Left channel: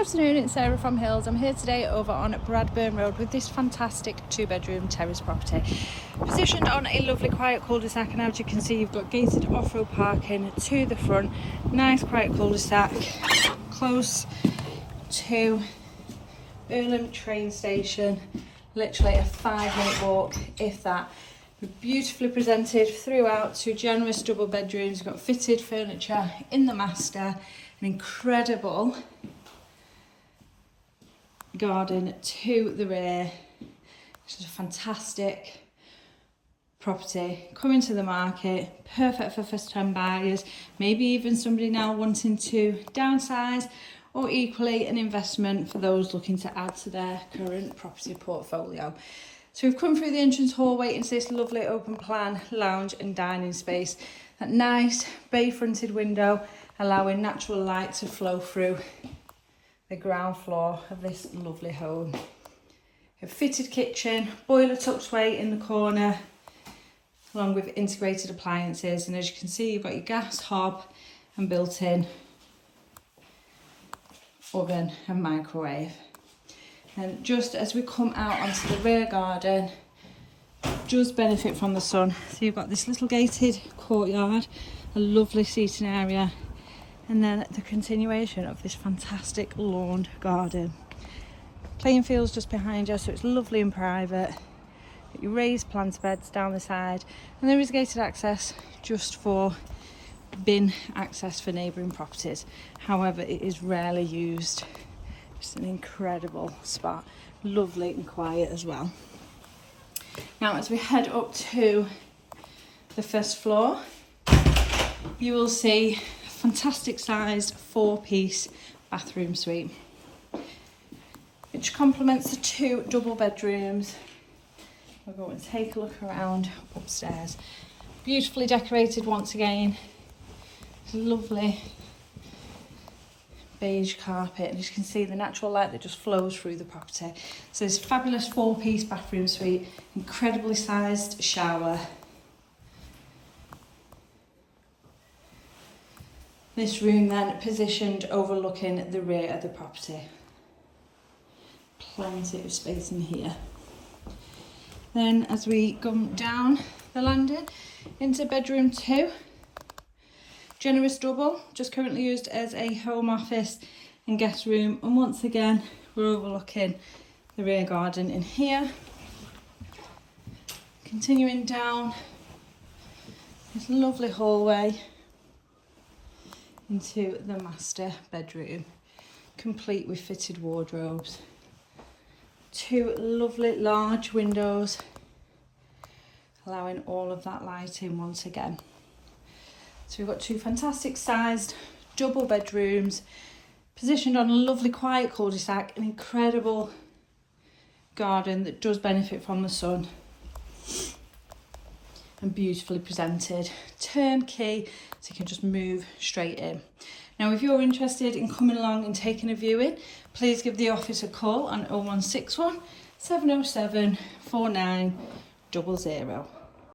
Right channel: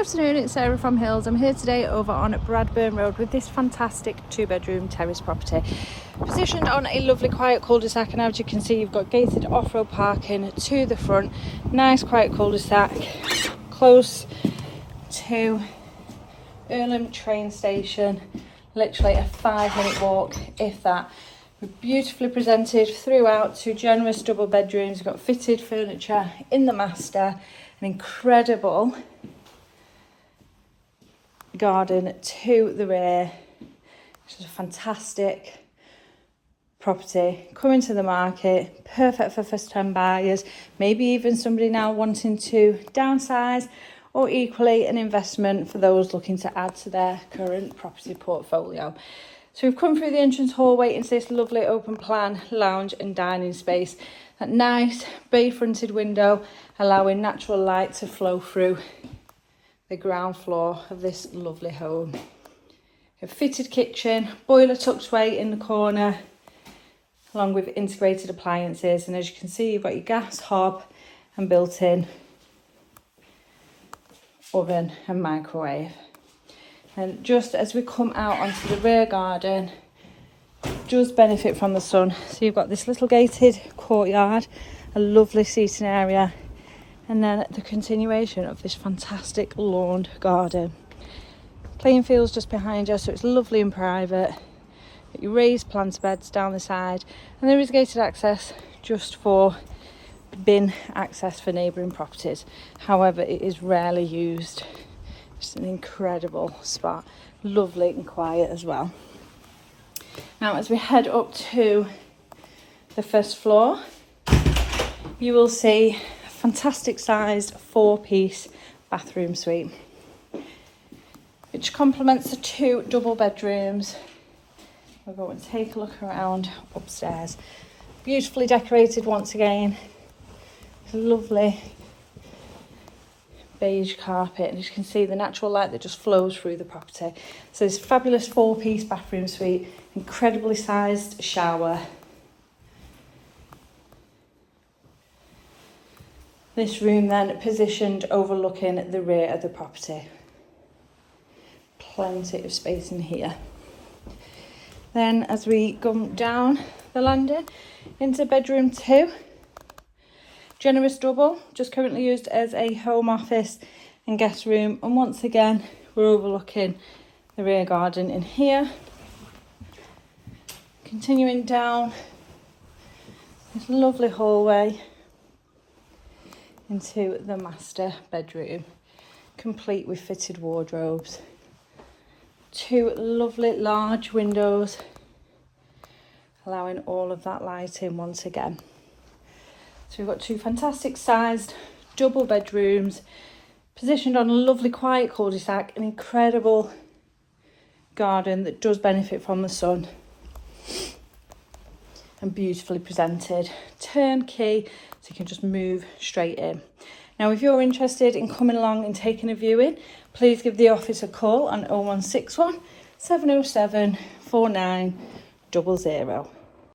Good afternoon, it's Sarah from Hills. I'm here today over on Bradburn Road with this fantastic 2-bedroom terrace property. Positioned on a lovely quiet cul-de-sac, and as you can see you've got gated off-road parking to the front. Nice quiet cul-de-sac, close to Irlam train station, literally a 5-minute walk if that. Beautifully presented throughout, 2 generous double bedrooms. You've got fitted furniture in the master, an incredible garden to the rear. This is a fantastic property coming to the market, perfect for first-time buyers, maybe even somebody now wanting to downsize, or equally an investment for those looking to add to their current property portfolio. So we've come through the entrance hallway into this lovely open plan lounge and dining space. That nice bay fronted window allowing natural light to flow through the ground floor of this lovely home. A fitted kitchen, boiler tucked away in the corner, along with integrated appliances. And as you can see, you've got your gas hob and built-in oven and microwave. And just as we come out onto the rear garden, it does benefit from the sun. So you've got this little gated courtyard, a lovely seating area, and then the continuation of this fantastic lawn garden. Playing fields just behind us, so it's lovely and private. Got your raised plant beds down the side, and there is gated access just for bin access for neighbouring properties. However, it is rarely used. It's an incredible spot, lovely and quiet as well. Now, as we head up to the first floor, you will see a fantastic sized 4-piece bathroom suite, which complements the 2 double bedrooms. We're going to take a look around upstairs. Beautifully decorated once again. It's lovely beige carpet, and you can see the natural light that just flows through the property. So this fabulous 4-piece bathroom suite, incredibly sized shower. This room then positioned overlooking the rear of the property. Plenty of space in here. Then as we go down the landing into bedroom 2, generous double, just currently used as a home office and guest room. And once again, we're overlooking the rear garden in here. Continuing down this lovely hallway into the master bedroom, complete with fitted wardrobes. 2 lovely large windows, allowing all of that light in once again. So we've got 2 fantastic sized double bedrooms, positioned on a lovely quiet cul-de-sac, an incredible garden that does benefit from the sun, and beautifully presented, turnkey, so you can just move straight in. Now, if you're interested in coming along and taking a viewing, please give the office a call on 0161 707 4900.